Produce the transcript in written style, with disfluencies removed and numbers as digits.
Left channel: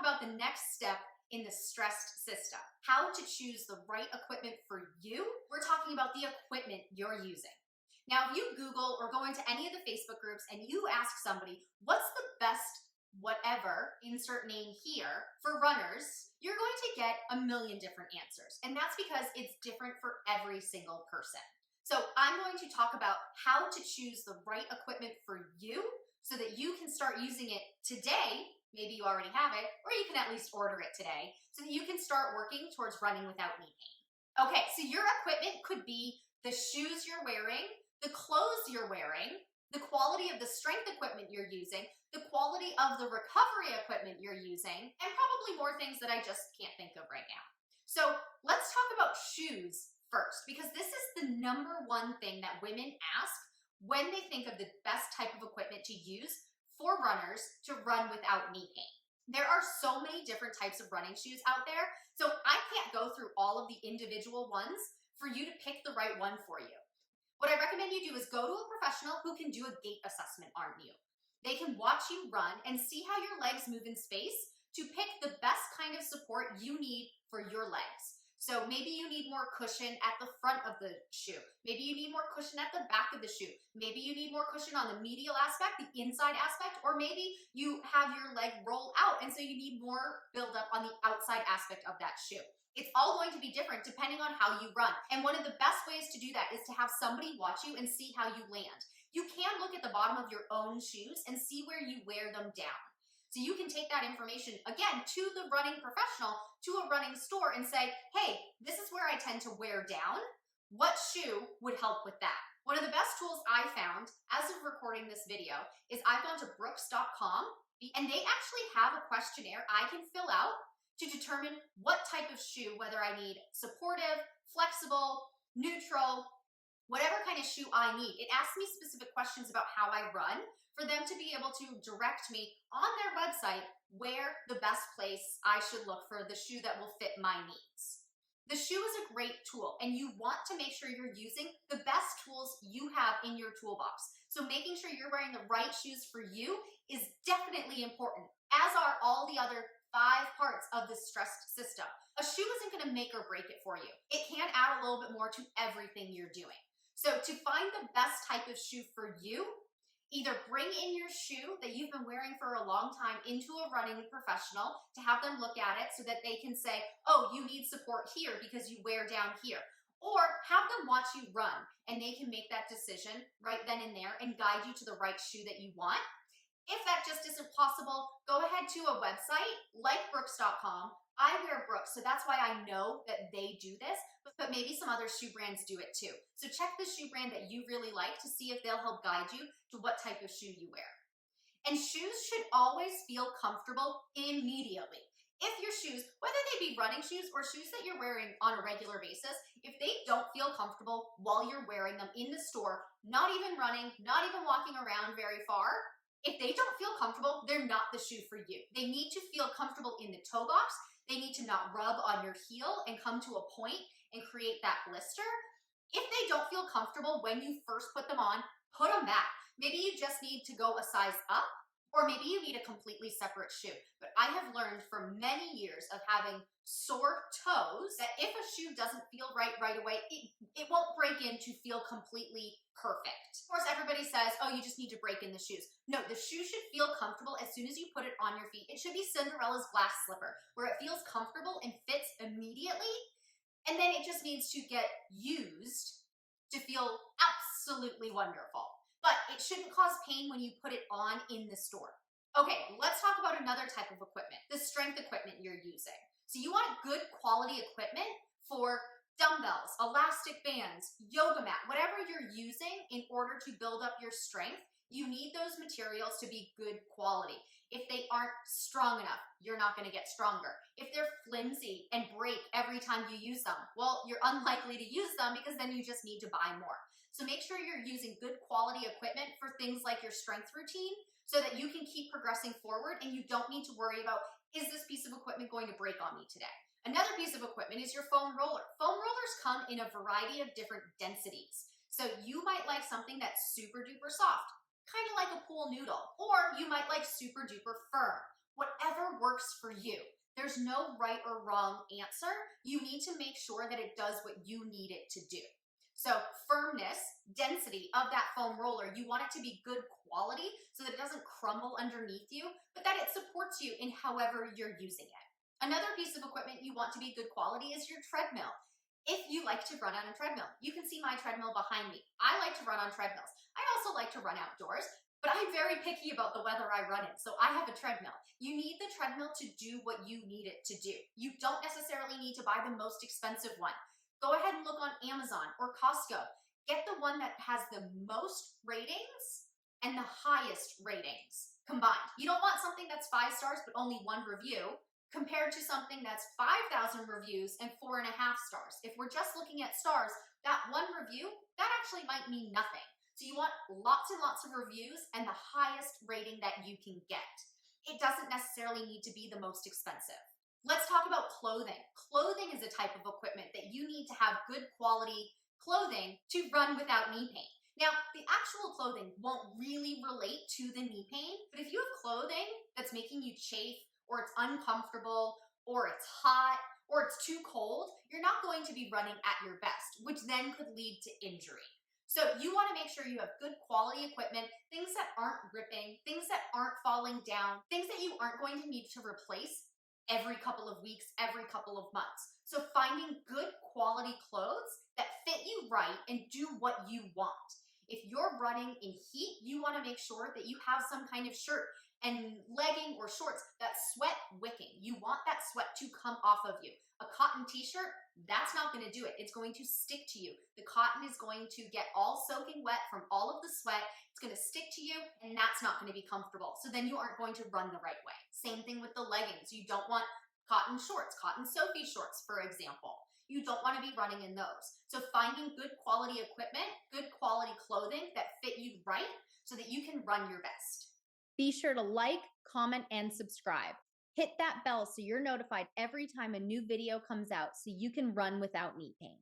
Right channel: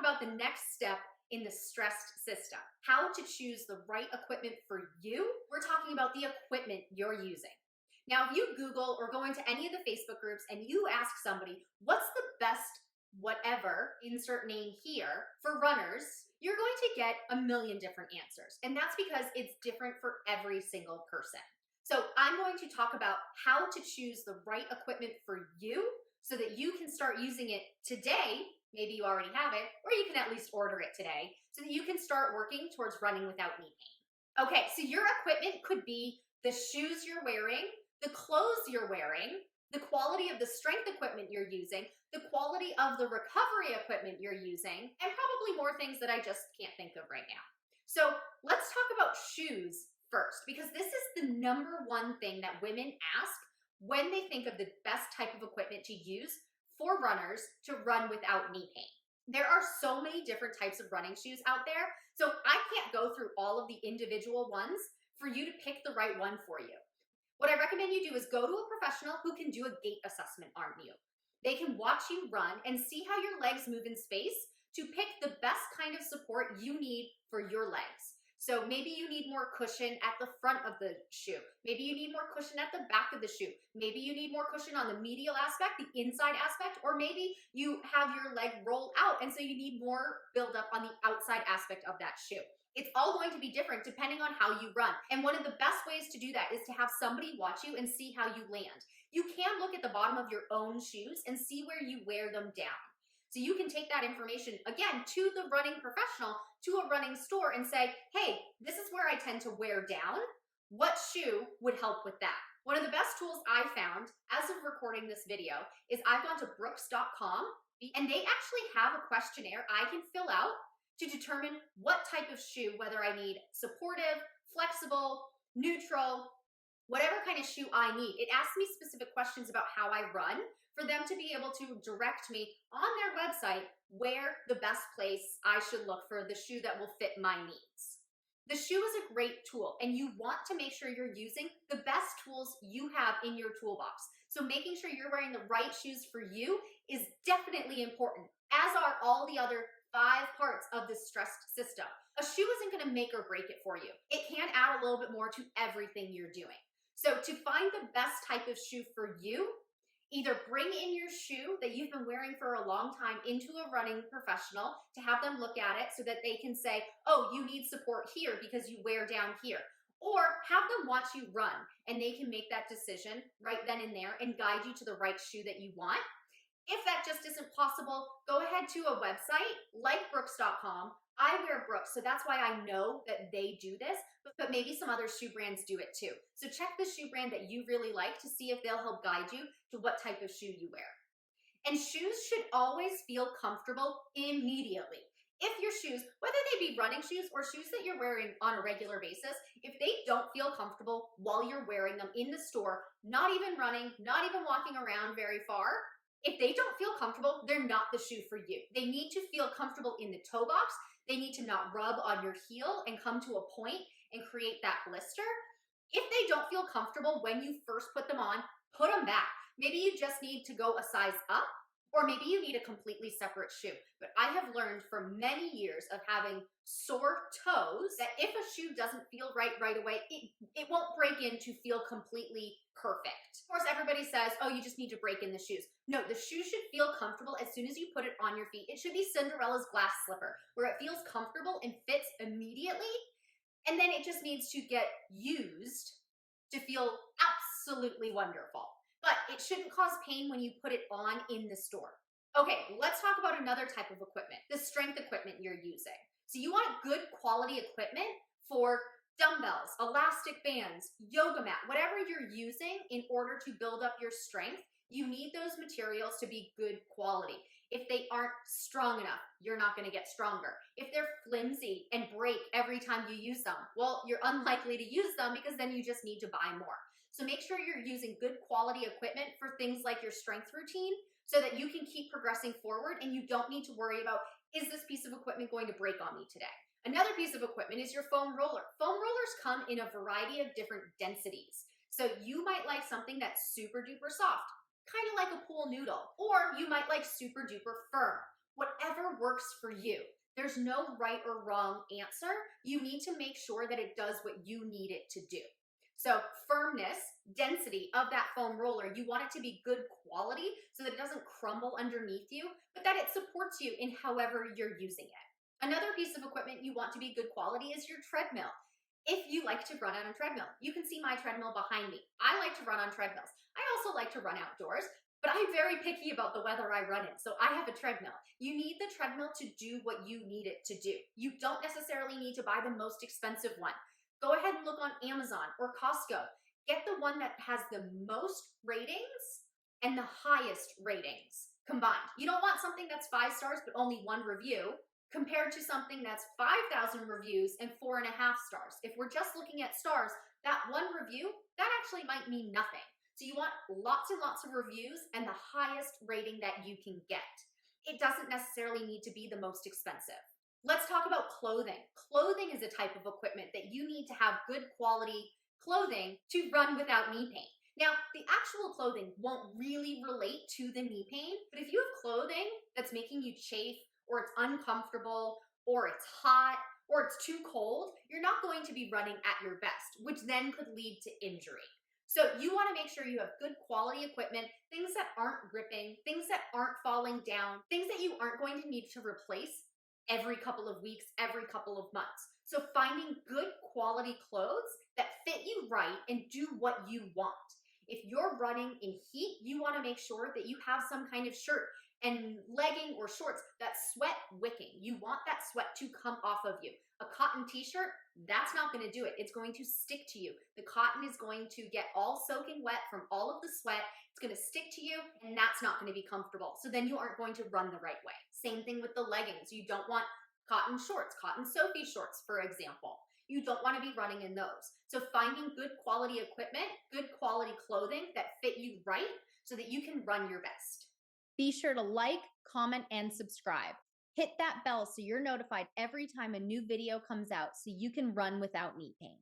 about the next step in the stressed system. How to choose the right equipment for you. We're talking about the equipment you're using. Now, if you Google or go into any of the Facebook groups and you ask somebody, what's the best whatever, insert name here, for runners, you're going to get a million different answers. And that's because it's different for every single person. So I'm going to talk about how to choose the right equipment for you so that you can start using it today. Maybe you already have it, or you can at least order it today so that you can start working towards running without knee pain. Okay, so your equipment could be the shoes you're wearing, the clothes you're wearing, the quality of the strength equipment you're using, the quality of the recovery equipment you're using, and probably more things that I just can't think of right now. So let's talk about shoes first, because this is the number one thing that women ask when they think of the best type of equipment to use for runners to run without knee pain. There are so many different types of running shoes out there, so I can't go through all of the individual ones for you to pick the right one for you. What I recommend you do is go to a professional who can do a gait assessment on you. They can watch you run and see how your legs move in space to pick the best kind of support you need for your legs. So maybe you need more cushion at the front of the shoe. Maybe you need more cushion at the back of the shoe. Maybe you need more cushion on the medial aspect, the inside aspect, or maybe you have your leg roll out and so you need more buildup on the outside aspect of that shoe. It's all going to be different depending on how you run. And one of the best ways to do that is to have somebody watch you and see how you land. You can look at the bottom of your own shoes and see where you wear them down. So you can take that information, again, to the running professional, to a running store and say, hey, this is where I tend to wear down. What shoe would help with that? One of the best tools I found as of recording this video is I've gone to Brooks.com and they actually have a questionnaire I can fill out to determine what type of shoe, whether I need supportive, flexible, neutral, whatever kind of shoe I need. It asks me specific questions about how I run for them to be able to direct me on their website where the best place I should look for the shoe that will fit my needs. The shoe is a great tool, and you want to make sure you're using the best tools you have in your toolbox. So making sure you're wearing the right shoes for you is definitely important, as are all the other 5 parts of this stressed system. A shoe isn't going to make or break it for you. It can add a little bit more to everything you're doing. So to find the best type of shoe for you, either bring in your shoe that you've been wearing for a long time into a running professional to have them look at it so that they can say, oh, you need support here because you wear down here. Or have them watch you run and they can make that decision right then and there and guide you to the right shoe that you want. If that just isn't possible, go ahead to a website like Brooks.com. I wear Brooks, so that's why I know that they do this, but maybe some other shoe brands do it too. So check the shoe brand that you really like to see if they'll help guide you to what type of shoe you wear. And shoes should always feel comfortable immediately. If your shoes, whether they be running shoes or shoes that you're wearing on a regular basis, if they don't feel comfortable while you're wearing them in the store, not even running, not even walking around very far, if they don't feel comfortable, they're not the shoe for you. They need to feel comfortable in the toe box. They need to not rub on your heel and come to a point and create that blister. If they don't feel comfortable when you first put them on, put them back. Maybe you just need to go a size up, or maybe you need a completely separate shoe. But I have learned from many years of having sore toes that if a shoe doesn't feel right away, it won't break in to feel completely perfect. Of course, everybody says, oh, you just need to break in the shoes. No, the shoe should feel comfortable as soon as you put it on your feet. It should be Cinderella's glass slipper, where it feels comfortable and fits immediately, and then it just needs to get used to feel absolutely wonderful. But it shouldn't cause pain when you put it on in the store. Okay, let's talk about another type of equipment, the strength equipment you're using. So you want good quality equipment for dumbbells, elastic bands, yoga mat, whatever you're using in order to build up your strength. You need those materials to be good quality. If they aren't strong enough, you're not going to get stronger. If they're flimsy and break every time you use them, well, you're unlikely to use them because then you just need to buy more. So make sure you're using good quality equipment for things like your strength routine so that you can keep progressing forward and you don't need to worry about, is this piece of equipment going to break on me today? Another piece of equipment is your foam roller. Foam rollers come in a variety of different densities. So you might like something that's super duper soft, kind of like a pool noodle, or you might like super duper firm. Whatever works for you. There's no right or wrong answer. You need to make sure that it does what you need it to do. So firmness, density of that foam roller, you want it to be good quality so that it doesn't crumble underneath you, but that it supports you in however you're using it. Another piece of equipment you want to be good quality is your treadmill. If you like to run on a treadmill, you can see my treadmill behind me. I like to run on treadmills. I also like to run outdoors, but I'm very picky about the weather I run in, so I have a treadmill. You need the treadmill to do what you need it to do. You don't necessarily need to buy the most expensive one. Go ahead and look on Amazon or Costco. Get the one that has the most ratings and the highest ratings combined. You don't want something that's 5 stars but only 1 review compared to something that's 5,000 reviews and 4.5 stars. If we're just looking at stars, that 1 review, that actually might mean nothing. So you want lots and lots of reviews and the highest rating that you can get. It doesn't necessarily need to be the most expensive. Let's talk about clothing. Clothing is a type of equipment that you need to have good quality clothing to run without knee pain. Now, the actual clothing won't really relate to the knee pain, but if you have clothing that's making you chafe, or it's uncomfortable, or it's hot, or it's too cold, you're not going to be running at your best, which then could lead to injury. So you want to make sure you have good quality equipment, things that aren't ripping, things that aren't falling down, things that you aren't going to need to replace every couple of weeks, every couple of months. So finding good quality clothes that fit you right and do what you want. If you're running in heat, you want to make sure that you have some kind of shirt and legging or shorts that's sweat wicking. You want that sweat to come off of you. A cotton t-shirt, that's not going to do it. It's going to stick to you. The cotton is going to get all soaking wet from all of the sweat. It's going to stick to you, and that's not going to be comfortable. So then you aren't going to run the right way. Same thing with the leggings. You don't want cotton shorts, cotton Sophie shorts, for example. You don't want to be running in those. So finding good quality equipment, good quality clothing that fit you right so that you can run your best. Be sure to like, comment, and subscribe. Hit that bell so you're notified every time a new video comes out so you can run without knee pain.